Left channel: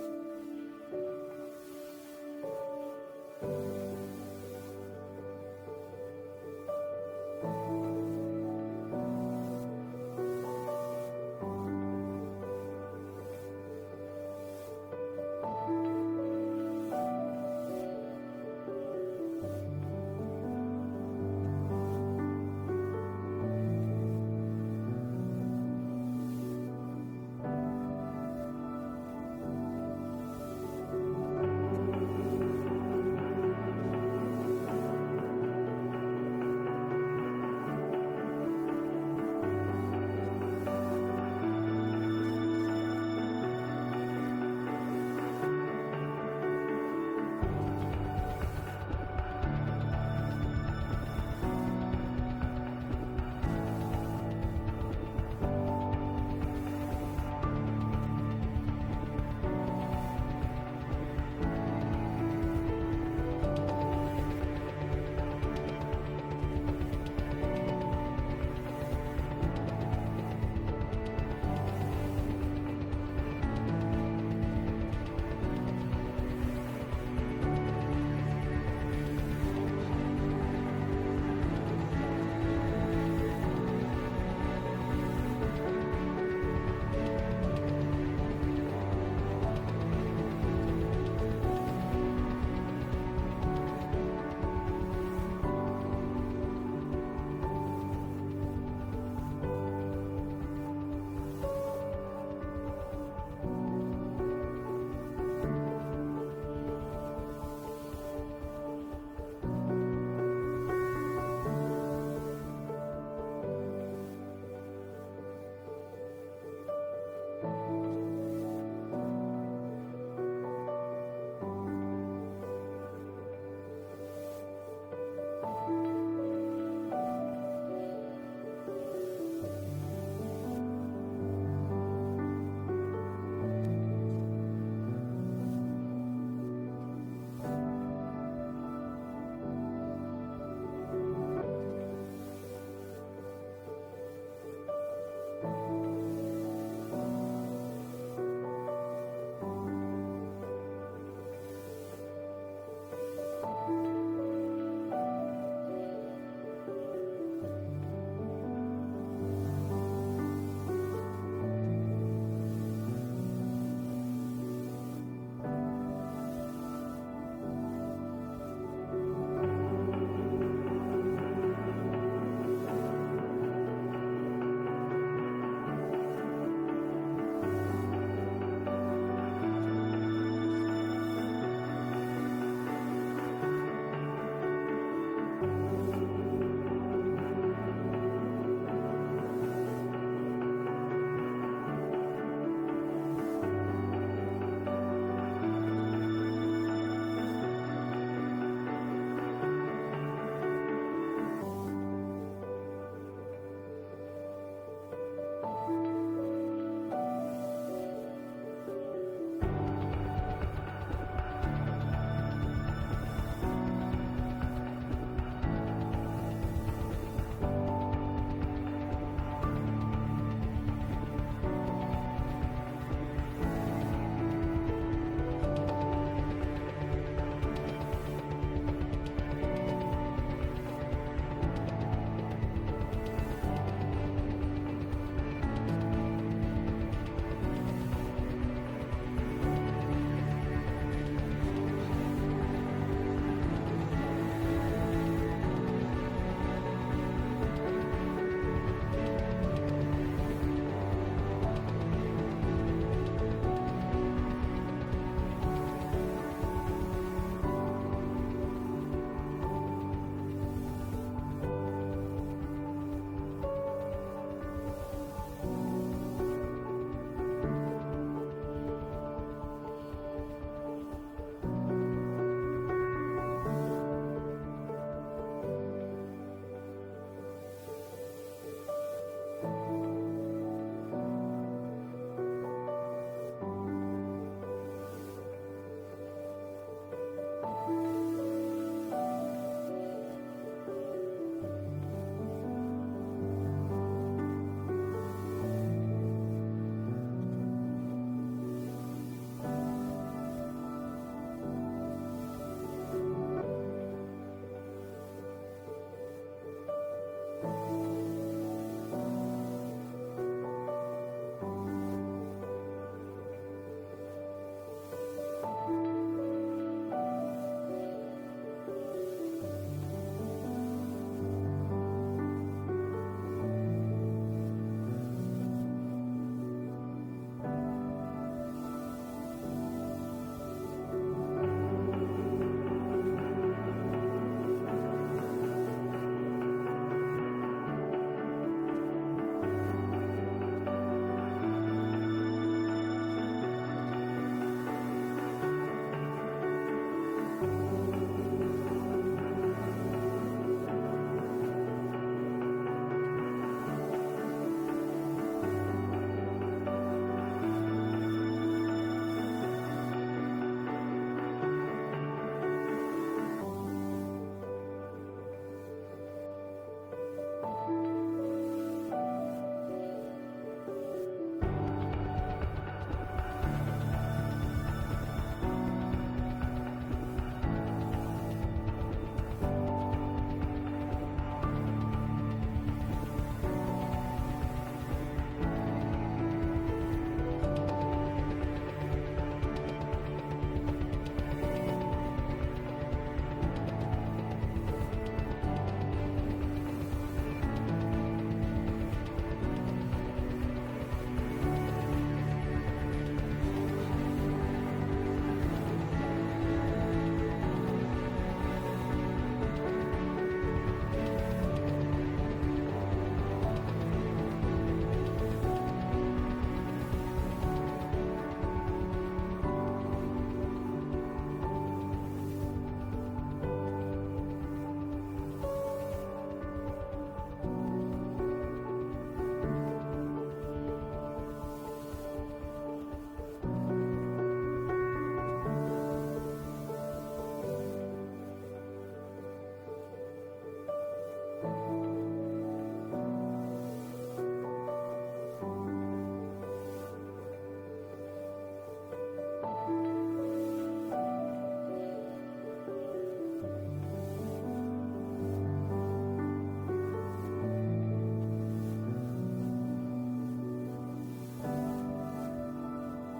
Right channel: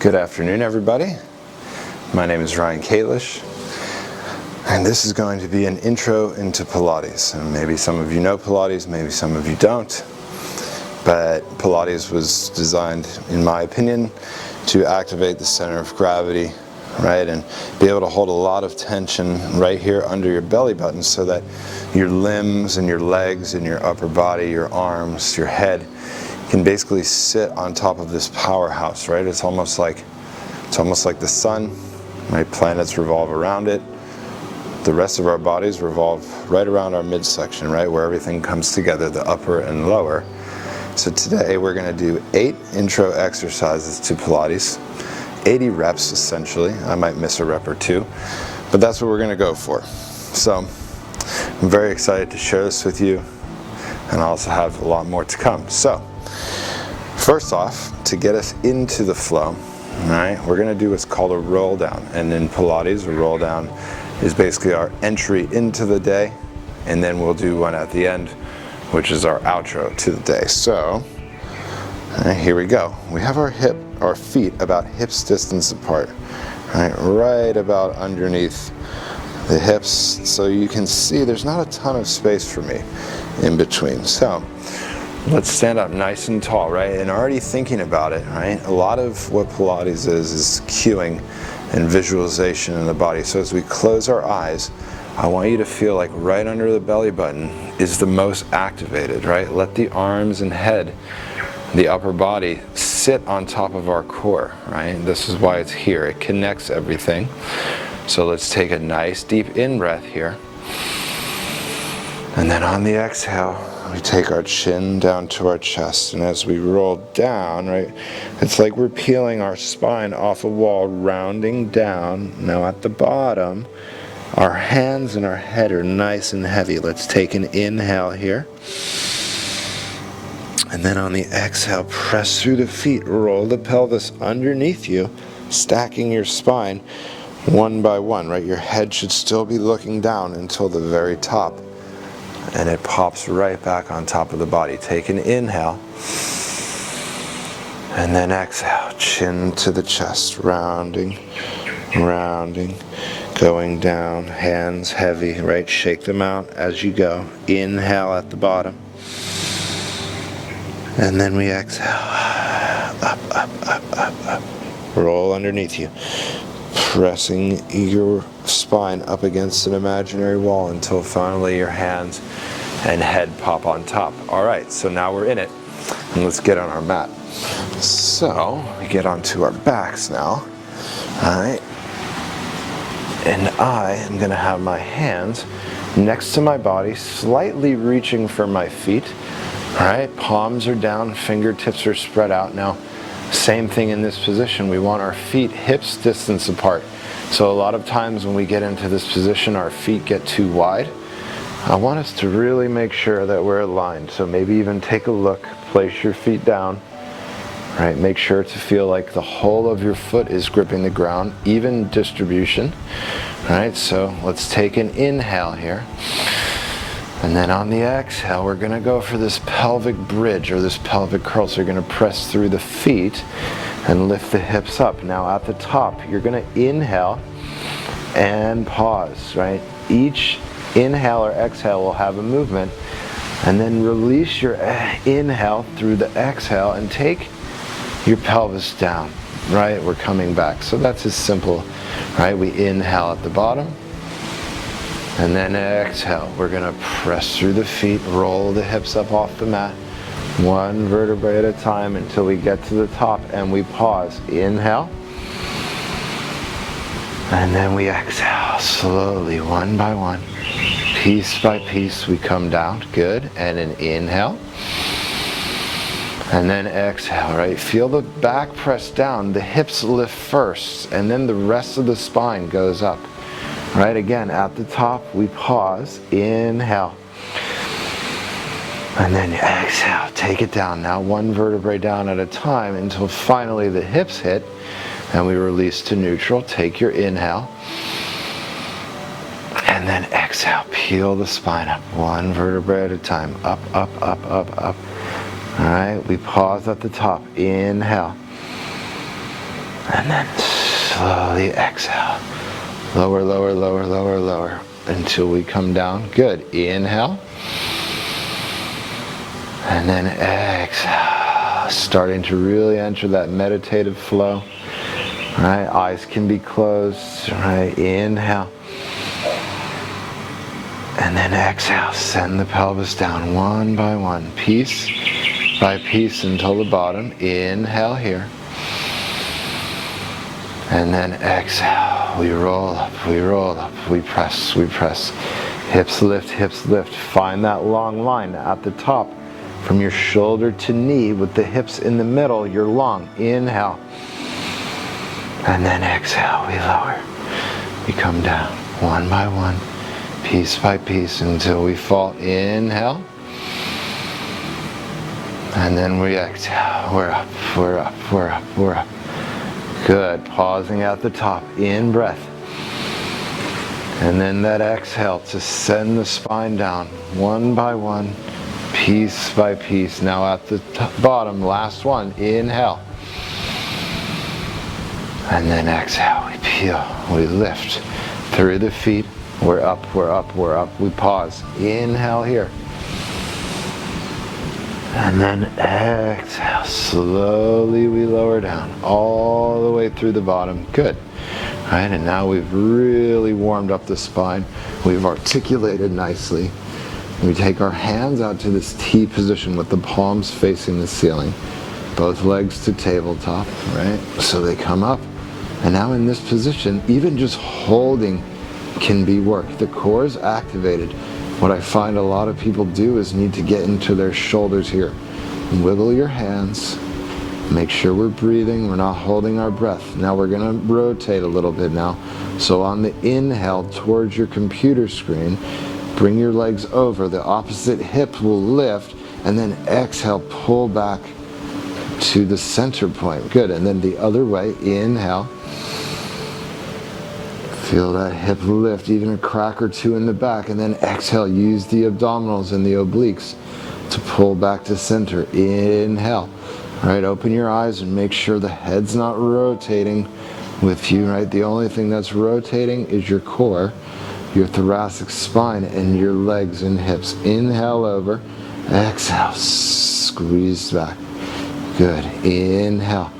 Good afternoon, everybody. My name is Ryan Kalish, and this is going to be an intro into Pilates. And maybe some of you know Pilates, maybe some of you don't, but Pilates was designed, in my opinion, to activate the center of gravity, right, and be able to hold a lot of tension right here under your belly button so that your limbs and your legs and your upper body, your arms, your head can basically sit on top of this powerhouse, right? It's almost like the sun, right? Planets revolve around it. The rest of our bodies revolve right around our midsection, right? Where everything comes together, the upper and lower. So today we're gonna do 8 intro exercises to Pilates, 80 reps essentially. I might miss a rep or two, but that's what we're gonna go for. So I'm very excited to share this with you, and I also have a lot more to come. So first off, to get us into the flow, all right, we're going to do what's called a roll down. And in Pilates, a roll down is basically our entry into the day, and then we'll do one at the end, which is our outro to the day. So here we go. We have our feet about hips distance apart, right about underneath the hips, so you can see there's not a ton of space for me in between. So let's stand up nice and tall, right? And already thinking about it, right? A lot of what Pilates is cueing and visualization in the body. So as we close our eyes, I want you to feel like right under the belly button is the most activated, right? Let the arms and head, the upper body, sit on top of our core, right? This is why it's here. It connects everything. So let's take a nice deep in-breath here. And then on the exhale, we take our chin down to our chest, and as we roll down, right, it's like we're peeling our spine off a wall, rounding down. Now at the bottom, our hands and our head are nice and heavy. Let's take an inhale here. And then on the exhale, press through the feet, roll the pelvis underneath you, stacking your spine one by one, right? Your head should still be looking down until the very top. And it pops right back on top of the body. Take an inhale. And then exhale, chin to the chest, rounding, going down, hands heavy, right? Shake them out as you go. Inhale at the bottom. And then we exhale. Up. Roll underneath you. Pressing your spine up against an imaginary wall until finally your hands and head pop on top. All right, so now we're in it, and let's get on our mat. So we get onto our backs now, all right, and I am gonna have my hands next to my body, slightly reaching for my feet, all right, palms are down, fingertips are spread out. Now, same thing in this position. We want our feet hips distance apart. So a lot of times when we get into this position, our feet get too wide. I want us to really make sure that we're aligned. So maybe even take a look, place your feet down, right? Make sure to feel like the whole of your foot is gripping the ground, even distribution, right? So let's take an inhale here. And then on the exhale, we're gonna go for this pelvic bridge or this pelvic curl. So you're gonna press through the feet and lift the hips up. Now at the top, you're gonna inhale and pause, right? Each inhale or exhale will have a movement, and then release your inhale through the exhale and take your pelvis down, right? We're coming back. So that's as simple, right? We inhale at the bottom. And then exhale, we're gonna press through the feet, roll the hips up off the mat, one vertebrae at a time until we get to the top, and we pause. Inhale. And then we exhale, slowly, one by one. Piece by piece, we come down. Good. And an inhale. And then exhale, right? Feel the back press down, the hips lift first, and then the rest of the spine goes up. Right, again, at the top, we pause, inhale, and then exhale, take it down. Now one vertebrae down at a time until finally the hips hit, and we release to neutral. Take your inhale, and then exhale, peel the spine up, one vertebrae at a time, up. All right, we pause at the top, inhale, And then slowly exhale. Lower, lower, lower, lower, lower until we come down. Good. Inhale. And then exhale. Starting to really enter that meditative flow. Right? Eyes can be closed. Right? Inhale. And then exhale. Send the pelvis down one by one, piece by piece until the bottom. Inhale here. And then exhale, we roll up, we press, hips lift. Find that long line at the top from your shoulder to knee with the hips in the middle, you're long. Inhale. And then exhale, we lower. We come down one by one, piece by piece until we fall. Inhale. And then we exhale, we're up, we're up, we're up, we're up. Good, pausing at the top, in breath. And then that exhale to send the spine down, one by one, piece by piece. Now at the bottom, last one, inhale. And then exhale, we peel, we lift through the feet. We're up, we're up, we're up. We pause, inhale here. And then exhale, slowly we lower down, all the way through the bottom. Good. All right, and now we've really warmed up the spine. We've articulated nicely. We take our hands out to this T position with the palms facing the ceiling. Both legs to tabletop, right? So they come up. And now in this position, even just holding can be work. The core is activated. What I find a lot of people do is need to get into their shoulders here. Wiggle your hands. Make sure we're breathing. We're not holding our breath. Now we're going to rotate a little bit now. So on the inhale towards your computer screen, bring your legs over. The opposite hip will lift. And then exhale, pull back to the center point. Good. And then the other way, inhale. Feel that hip lift, even a crack or two in the back, and then exhale, use the abdominals and the obliques to pull back to center. Inhale. All right, open your eyes and make sure the head's not rotating with you, right? The only thing that's rotating is your core, your thoracic spine, and your legs and hips. Inhale over, exhale, squeeze back. Good, inhale.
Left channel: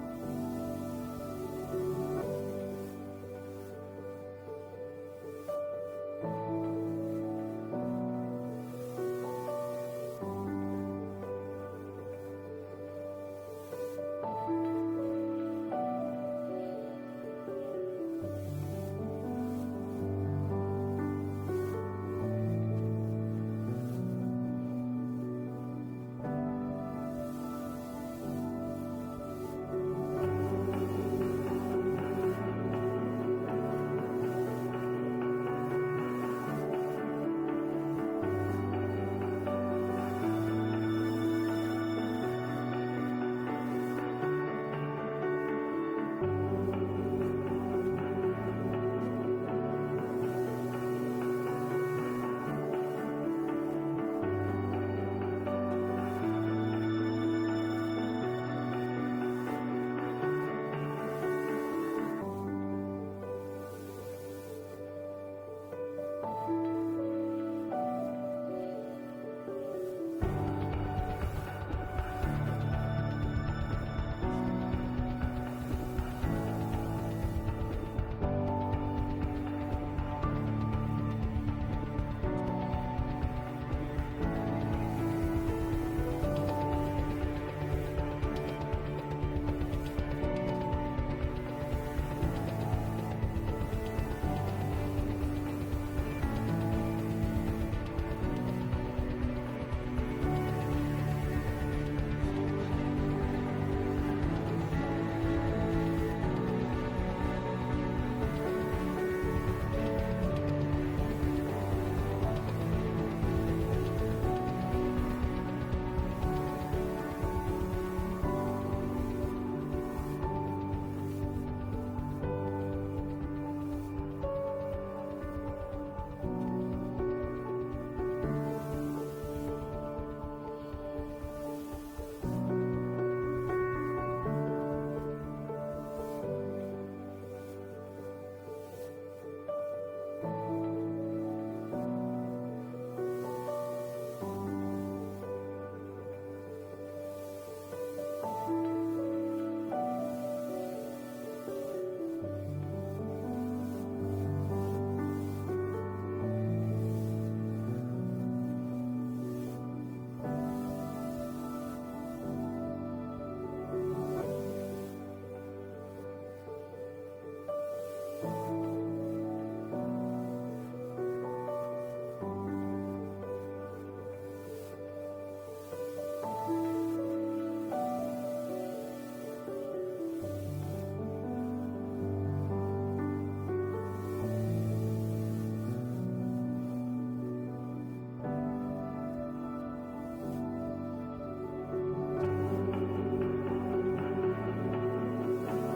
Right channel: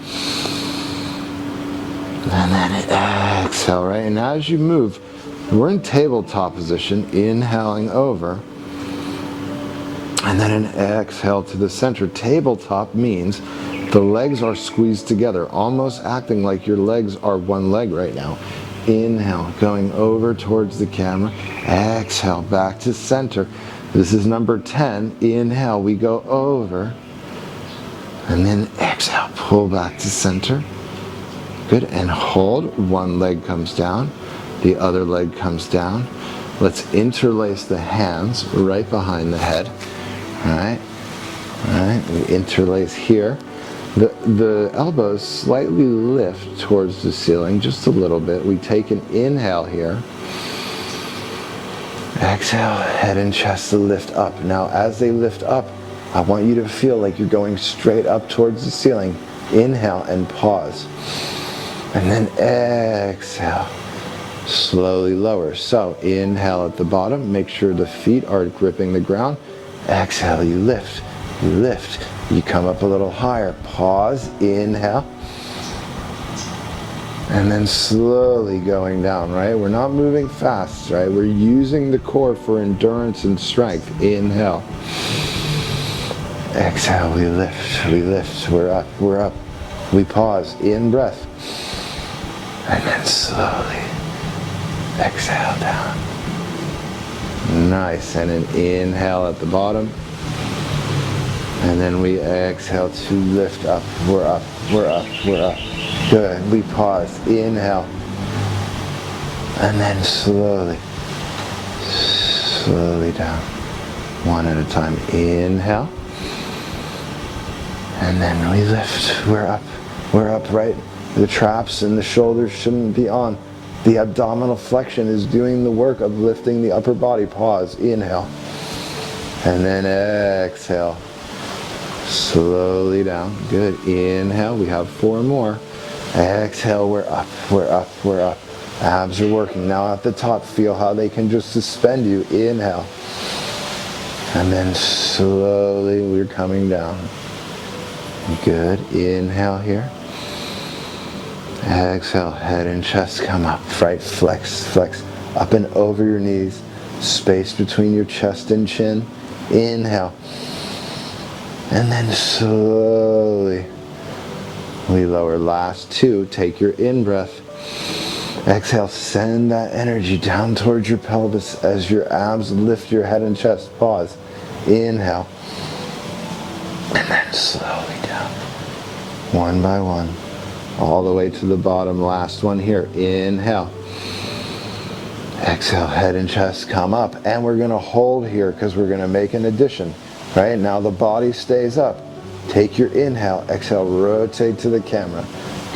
And then exhale, right? And as you move, we're in tabletop position, inhaling over. And then an exhale to the center. Tabletop means the legs are squeezed together, almost acting like your legs are one leg right now. Inhale, going over towards the camera. Exhale, back to center. This is number 10. Inhale, we go over. And then exhale, pull back to center. Good, and hold. One leg comes down, the other leg comes down. Let's interlace the hands right behind the head. All right, we interlace here. The elbows slightly lift towards the ceiling, just a little bit. We take an inhale here. Exhale, head and chest to lift up. Now as they lift up, I want you to feel like you're going straight up towards the ceiling. Inhale and pause. And then exhale, slowly lower. So inhale at the bottom, make sure the feet are gripping the ground. Exhale, you lift, you come up a little higher. Pause, inhale. And then slowly going down, right? We're not moving fast, right? We're using the core for endurance and strength. Inhale. Exhale, we lift, we're up. We pause, in breath. And then slowly exhale down. Nice, and an inhale at the bottom. And then we exhale to lift up. We're up. Good, we pause, inhale. And then slowly down. One at a time, inhale. And then we lift, we're up, right? The traps and the shoulders shouldn't be on. The abdominal flexion is doing the work of lifting the upper body. Pause, inhale. And then exhale. Slowly down. Good. Inhale. We have 4 more. Exhale, we're up, we're up, we're up. Abs are working. Now at the top, feel how they can just suspend you. Inhale. And then slowly we're coming down. Good. Inhale here. Exhale, head and chest come up. Right, flex, flex. Up and over your knees. Space between your chest and chin. Inhale. And then slowly we lower. Last two, take your in-breath. Exhale, send that energy down towards your pelvis as your abs lift your head and chest. Pause. Inhale. And then slowly down. One by one. All the way to the bottom. Last one here. Inhale. Exhale, head and chest come up. And we're going to hold here because we're going to make an addition. Right? Now the body stays up. Take your inhale. Exhale, rotate to the camera.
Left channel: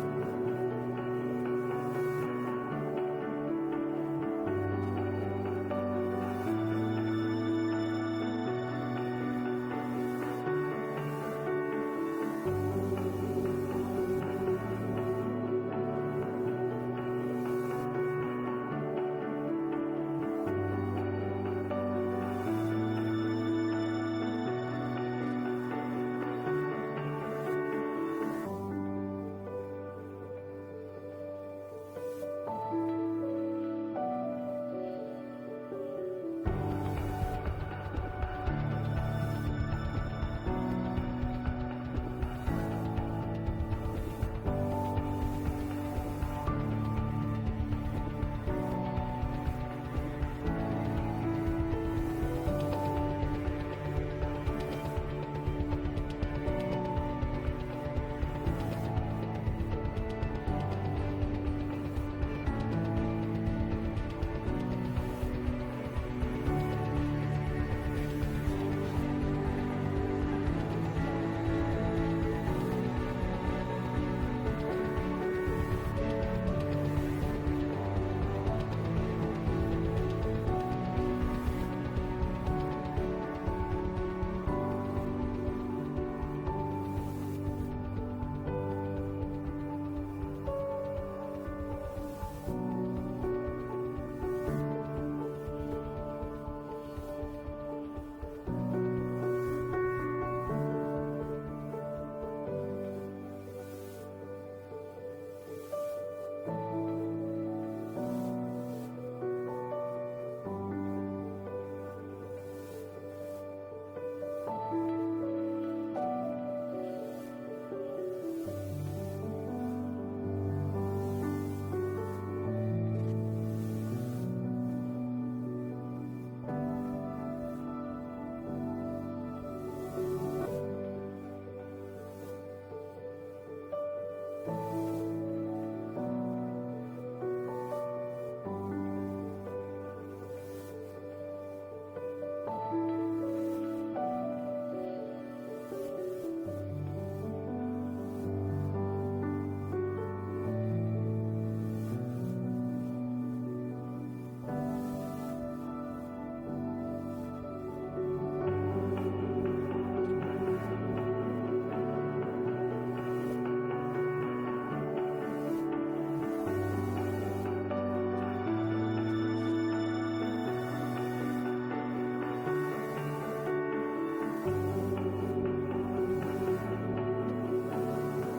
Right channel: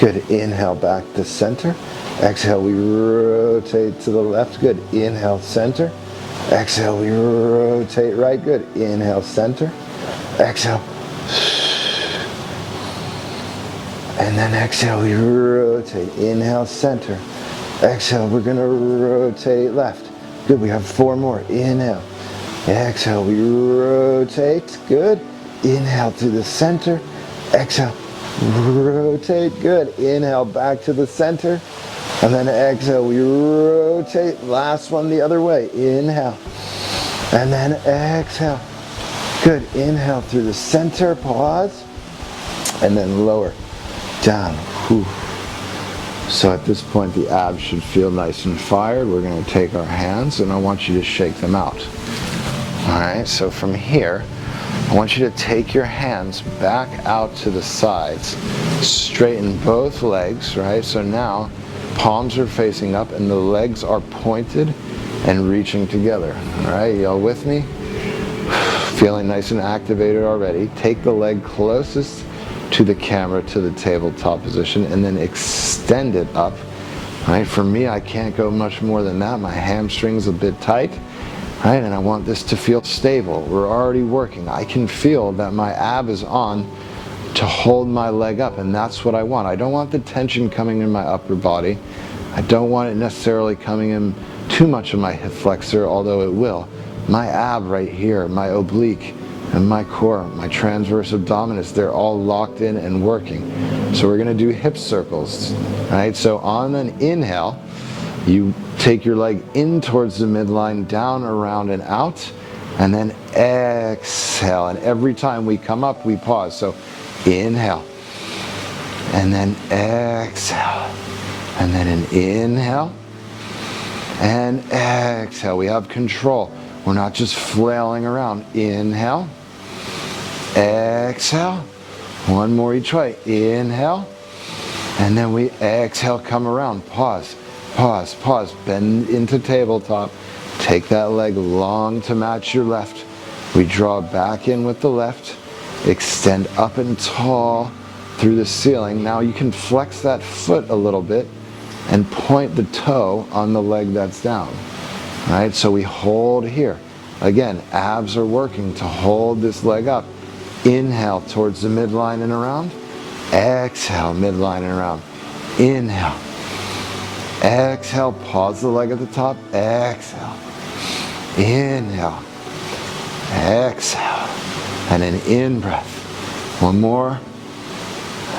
Good. Inhale, back to center. Exhale, we rotate to the left. Good. Inhale, center. Exhale, we rotate right. Good. Inhale, center. Exhale. And then exhale, we rotate. Inhale, center. Exhale, we're going to rotate left. Good. We have four more. Inhale. Exhale, we rotate. Good. Inhale to the center. Exhale. Rotate. Good. Inhale, back to the center. And then exhale, we rotate. Last one the other way. Inhale. And then exhale. Good. Inhale through the center. Pause. And then lower. Down. Whew. So at this point, the abs should feel nice and fired. We're going to take our hands, and I want you to shake them out. All right, so from here, I want you to take your hands back out to the sides. Straighten both legs, right? So now, palms are facing up, and the legs are pointed and reaching together. All right, y'all with me? Feeling nice and activated already. Take the leg closest to the camera, to the tabletop position, and then extend it up. Right? For me, I can't go much more than that. My hamstring's a bit tight, right? And I want this to feel stable. We're already working. I can feel that my ab is on to hold my leg up, and that's what I want. I don't want the tension coming in my upper body. I don't want it necessarily coming in too much of my hip flexor, although it will. My ab right here, my oblique, and my core, my transverse abdominis, they're all locked in and working. So we're gonna do hip circles, right? So on an inhale, you take your leg in towards the midline, down, around, and out, and then exhale. And every time we come up, we pause. So inhale, and then exhale, and then an inhale, and exhale. We have control. We're not just flailing around. Inhale. Exhale. One more each way. Inhale. And then we exhale, come around. Pause, pause, pause. Bend into tabletop. Take that leg long to match your left. We draw back in with the left. Extend up and tall through the ceiling. Now you can flex that foot a little bit and point the toe on the leg that's down. All right, so we hold here. Again, abs are working to hold this leg up. Inhale towards the midline and around. Exhale, midline and around. Inhale. Exhale, pause the leg at the top. Exhale. Inhale. Exhale. And an in-breath. One more.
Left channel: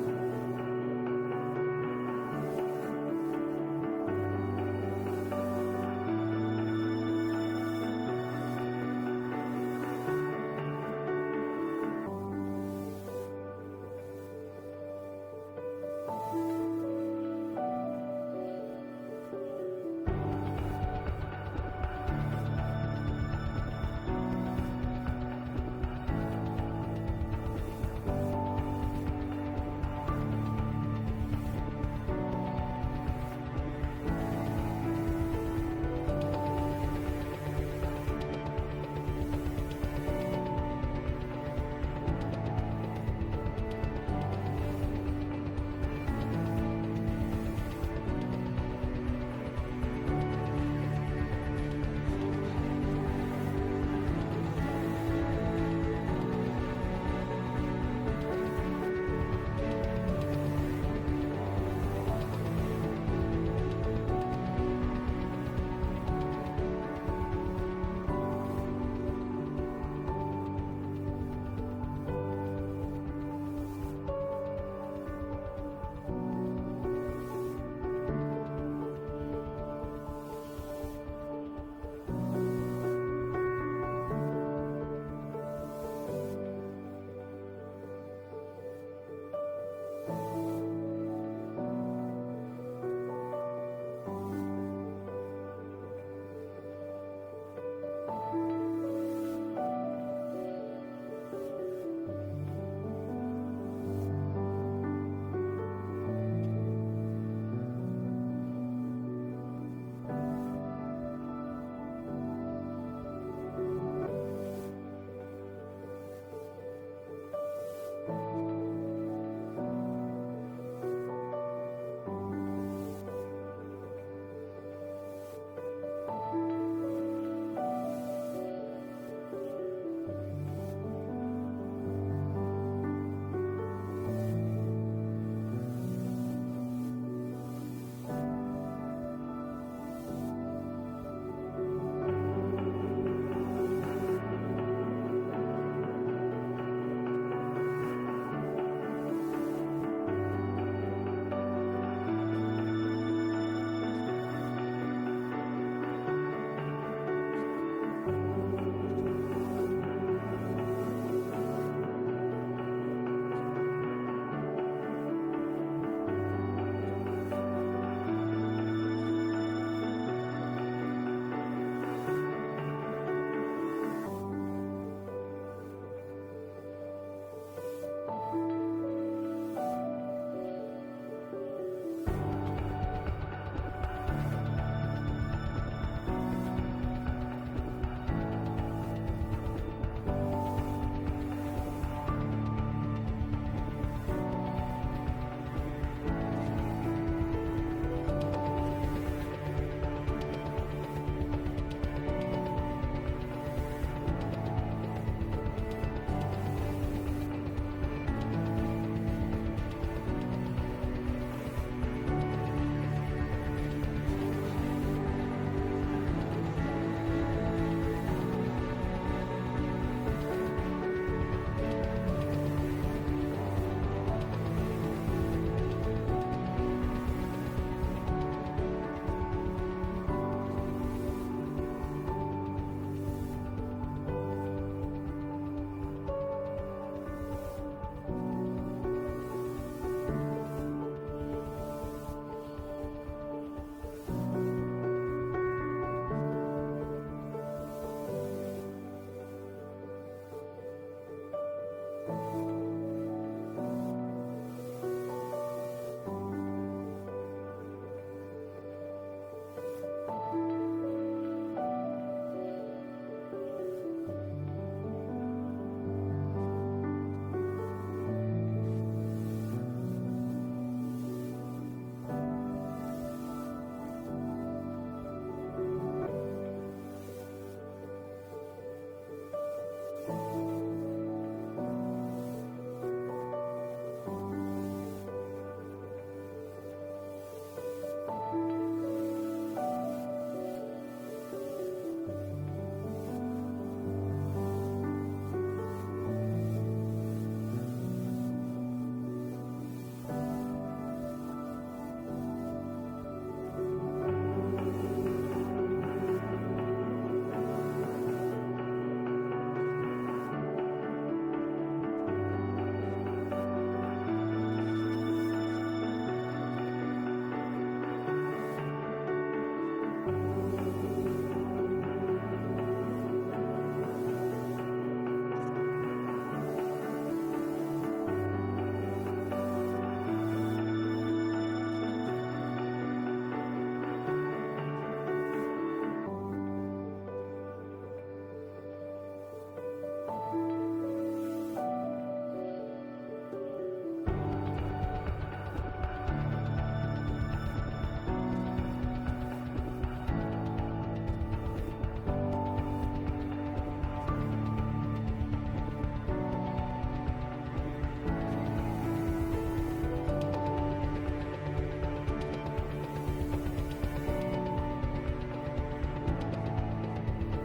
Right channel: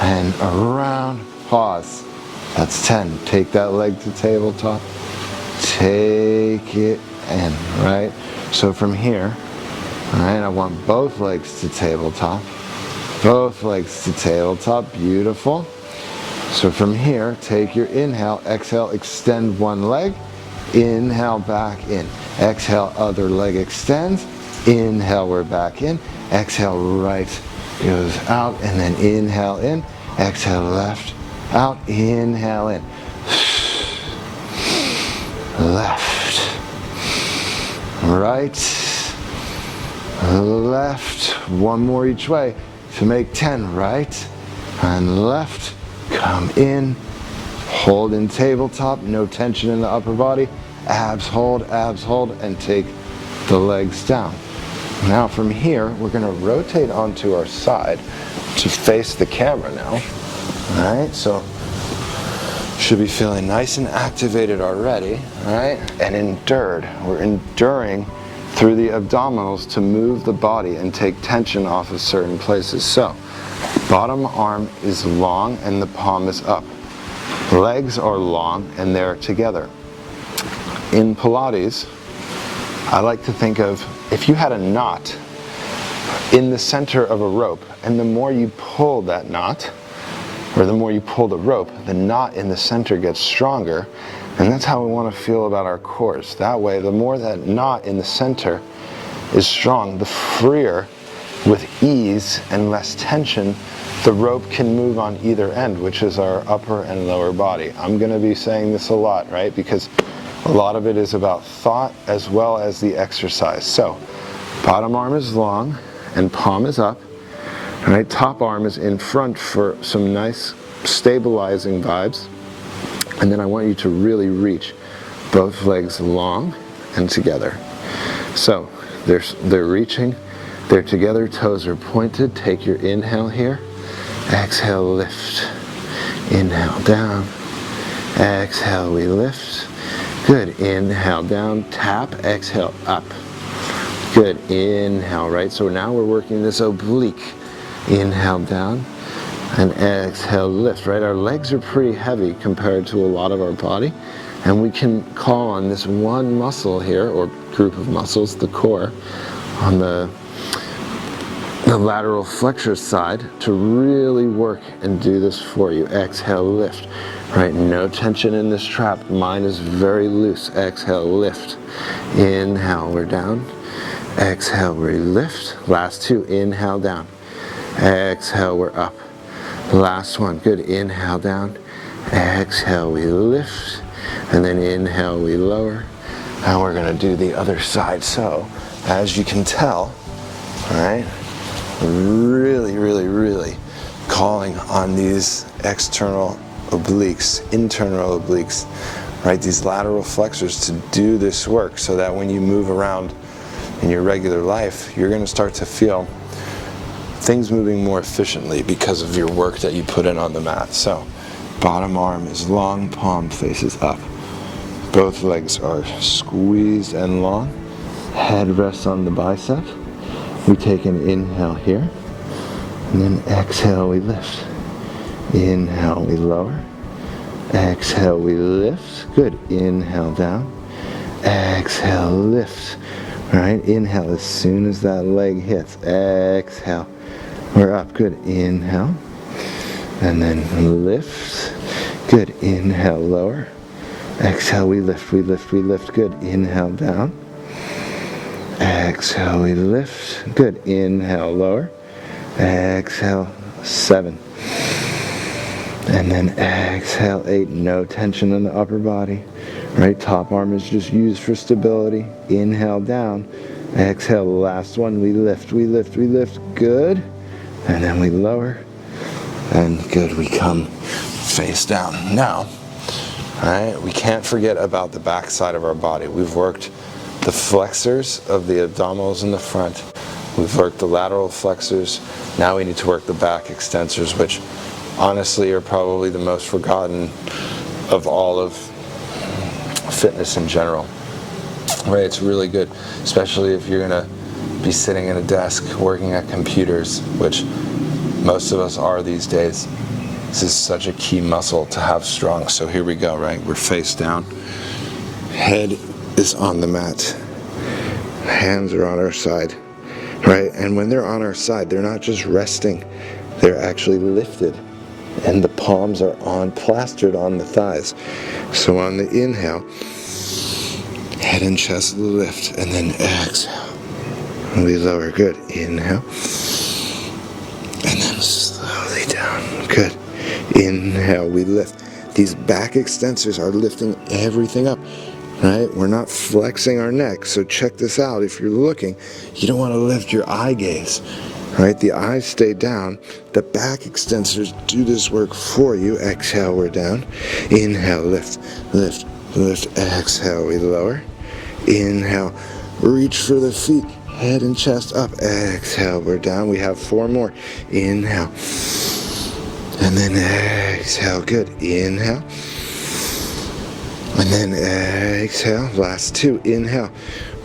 And around. Pause. That's 10. Take that leg to tabletop. Take it in, right? So from here, all right, I want both legs to tabletop. Both legs to tabletop. Beautiful. So from here, take your inhale, exhale, extend one leg. Inhale, back in. Exhale, other leg extends. Inhale, we're back in. Exhale, right goes out, and then inhale in. Exhale, left, out. Inhale in. Left, right, left. One more each way to make 10. Right and left. Come in. Hold in tabletop. No tension in the upper body. Abs hold, and take the legs down. Now from here, we're going to rotate onto our side to face the camera now. All right, so Should be feeling nice and activated already, right? And endured. We're enduring through the abdominals to move the body and take tension off of certain places. So, bottom arm is long and the palm is up. Legs are long and they're together. In Pilates, I like to think of if you had a knot in the center of a rope, and the more you pull that knot, or the more you pull the rope, the knot in the center gets stronger, and that's how we want to feel about our cores. That way, the more that knot in the center is strong, the freer, with ease and less tension, the rope can move on either end, which is our upper and lower body. I'm going to be saying this a lot, right? Because a lot of it is about thought as well as the exercise. So, bottom arm is long and palm is up. Right, top arm is in front for some nice stabilizing vibes. And then I want you to really reach both legs long and together. So they're reaching, they're together, toes are pointed. Take your inhale here. Exhale, lift. Inhale, down. Exhale, we lift. Good. Inhale, down. Tap. Exhale, up. Good. Inhale, right? So now we're working this oblique. Inhale down and exhale, lift, right? Our legs are pretty heavy compared to a lot of our body, and we can call on this one muscle here, or group of muscles, the core, on the lateral flexor side to really work and do this for you. Exhale, lift, right? No tension in this trap. Mine is very loose. Exhale, lift. Inhale, we're down. Exhale, we lift. Last two, inhale, down. Exhale, we're up. Last one, good. Inhale, down. Exhale, we lift. And then inhale, we lower. Now we're going to do the other side. So, as you can tell, right, really calling on these external obliques, internal obliques, right, these lateral flexors to do this work so that when you move around in your regular life, you're going to start to feel things moving more efficiently because of your work that you put in on the mat. So, bottom arm is long, palm faces up. Both legs are squeezed and long. Head rests on the bicep. We take an inhale here, and then exhale, we lift. Inhale, we lower. Exhale, we lift. Good. Inhale, down. Exhale, lift. All right, inhale as soon as that leg hits. Exhale. We're up. Good. Inhale. And then lift. Good. Inhale, lower. Exhale, we lift, we lift, we lift. Good. Inhale, down. Exhale, we lift. Good. Inhale, lower. Exhale, 7. And then exhale, 8. No tension in the upper body. Right, top arm is just used for stability. Inhale, down. Exhale, the last one. We lift, we lift, we lift. Good. And then we lower, and good, we come face down. Now, all right, we can't forget about the back side of our body. We've worked the flexors of the abdominals in the front. We've worked the lateral flexors. Now we need to work the back extensors, which honestly are probably the most forgotten of all of fitness in general. Right, it's really good, especially if you're gonna be sitting at a desk working at computers, which most of us are these days. This is such a key muscle to have strong. So here we go, right? We're face down. Head is on the mat. Hands are on our side, right? And when they're on our side, they're not just resting, they're actually lifted. And the palms are plastered on the thighs. So on the inhale, head and chest lift, and then exhale. We lower. Good. Inhale. And then slowly down. Good. Inhale. We lift. These back extensors are lifting everything up. Right? We're not flexing our neck. So check this out. If you're looking, you don't want to lift your eye gaze. Right? The eyes stay down. The back extensors do this work for you. Exhale. We're down. Inhale. Lift. Lift. Lift. Exhale. We lower. Inhale. Reach for the feet. Head and chest up. Exhale, we're down. We have 4 more. Inhale. And then exhale. Good. Inhale. And then exhale, last two, inhale,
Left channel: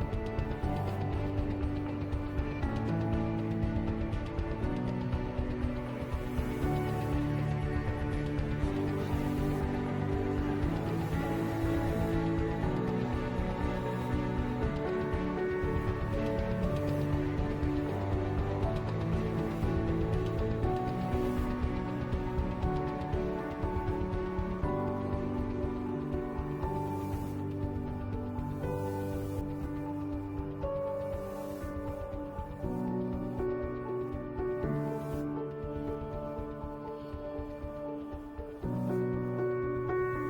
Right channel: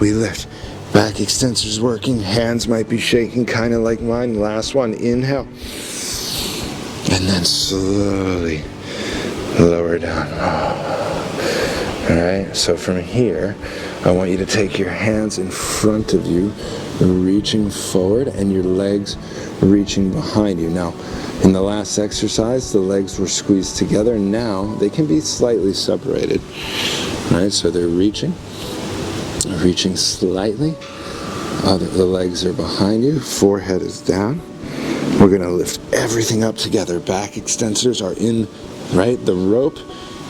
we lift. Back extensors working, hands might be shaking kind of like mine. Last one, inhale. And then slowly lower down. All right, so from here, I want you to take your hands in front of you, reaching forward, and your legs reaching behind you. Now, in the last exercise, the legs were squeezed together. Now, they can be slightly separated. All right, so they're reaching slightly. The legs are behind you, forehead is down. We're gonna lift everything up together. Back extensors are in, right? The rope,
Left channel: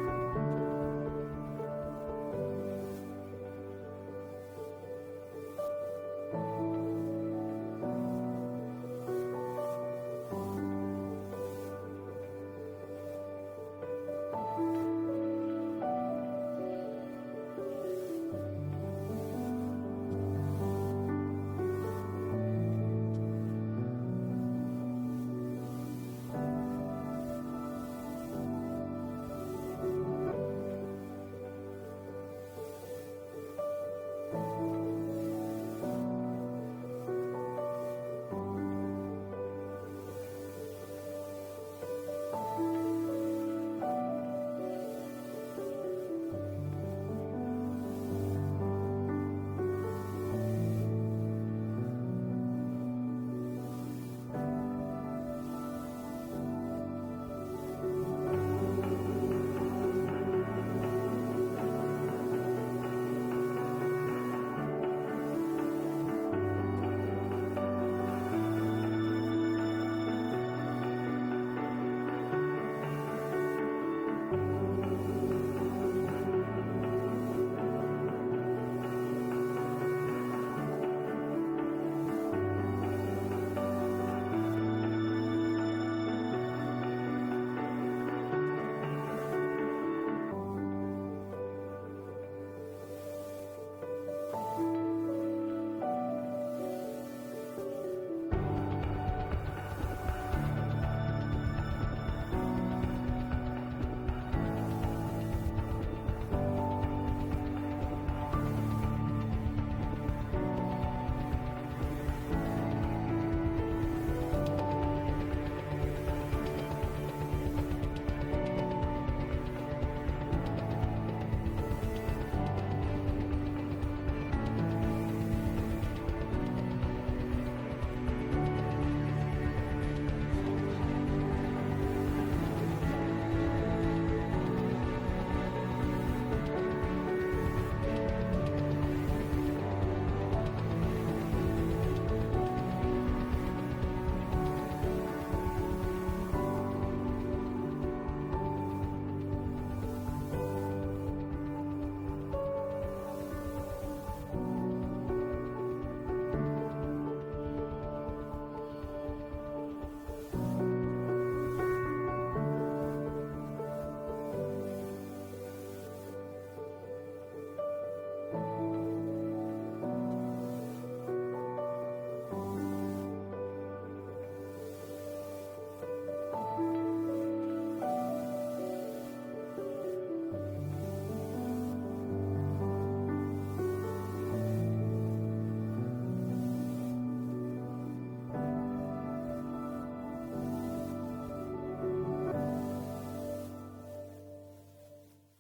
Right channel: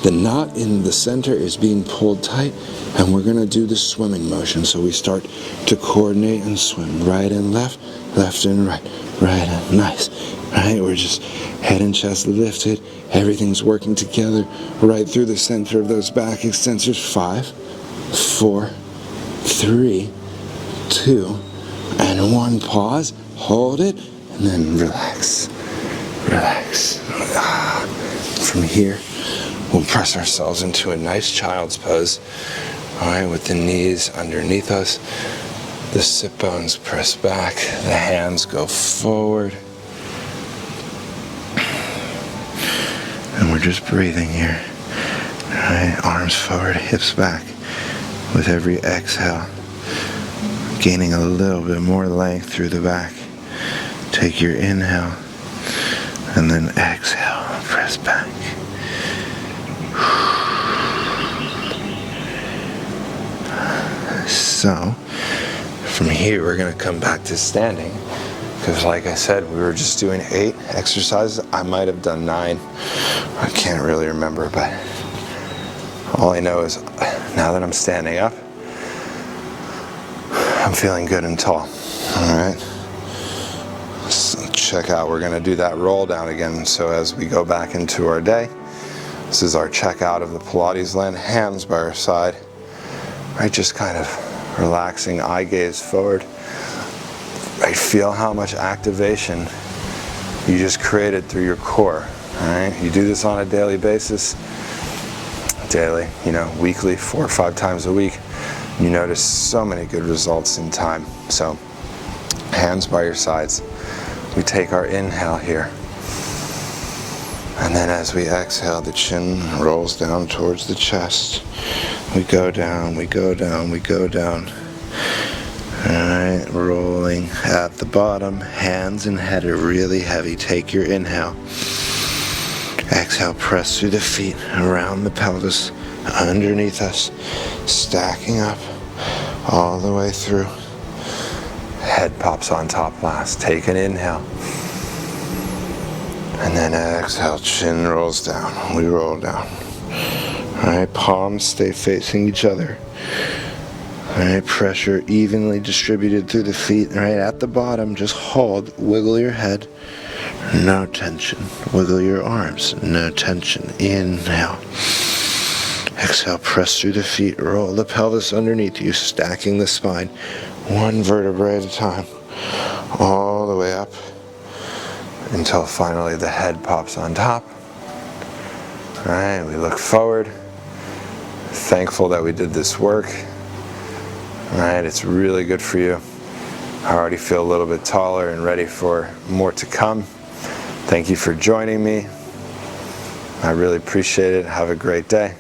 the knot in the center is being pulled tight, and we're gonna do the swimming motion. So we start to coordinate and swim. Right and left and right and nice. Right, we're just head and chest lifted. Everything's working together right through the center of those back extensors. 5, 4, 3, 2, and 1. Pause, hold it, and then relax. From here, we'll press ourselves into a nice child's pose. All right, with the knees underneath us, the sit bones press back, the hands go forward. And we're just breathing here. All right, arms forward, hips back. With every exhale, gaining a little bit more length through the back. Take your inhale, and then exhale, press back. So, from here we're going to come back to standing, because like I said, we were just doing 8 exercises. I might have done 9. I can't really remember, but all I know is now that I'm standing up, I'm feeling good and tall. All right. So check out, we're going to do that roll down again. So as we go back into our day, this is our check out of the Pilates land. Hands by our side. Right, just kind of relaxing, eye gaze forward. Right, feel how much activation you just created through your core. All right, you do this on a daily basis. Daily, weekly, 4 or 5 times a week. You notice so many good results in time. So, hands by your sides. We take our inhale here. And then as we exhale, the chin rolls down towards the chest. We go down, we go down, we go down. Alright, rolling at the bottom. Hands and head are really heavy. Take your inhale. Exhale, press through the feet, around the pelvis, underneath us, stacking up all the way through. Head pops on top last. Take an inhale. And then exhale, chin rolls down. We roll down. Alright, palms stay facing each other. Alright, pressure evenly distributed through the feet. Alright, at the bottom, just hold, wiggle your head. No tension. Wiggle your arms. No tension. Inhale. Exhale, press through the feet. Roll the pelvis underneath you, stacking the spine. 1 vertebrae at a time. All the way up until finally the head pops on top. Alright, we look forward. Thankful that we did this work. Alright, it's really good for you. I already feel a little bit taller and ready for more to come. Thank you for joining me. I really appreciate it. Have a great day.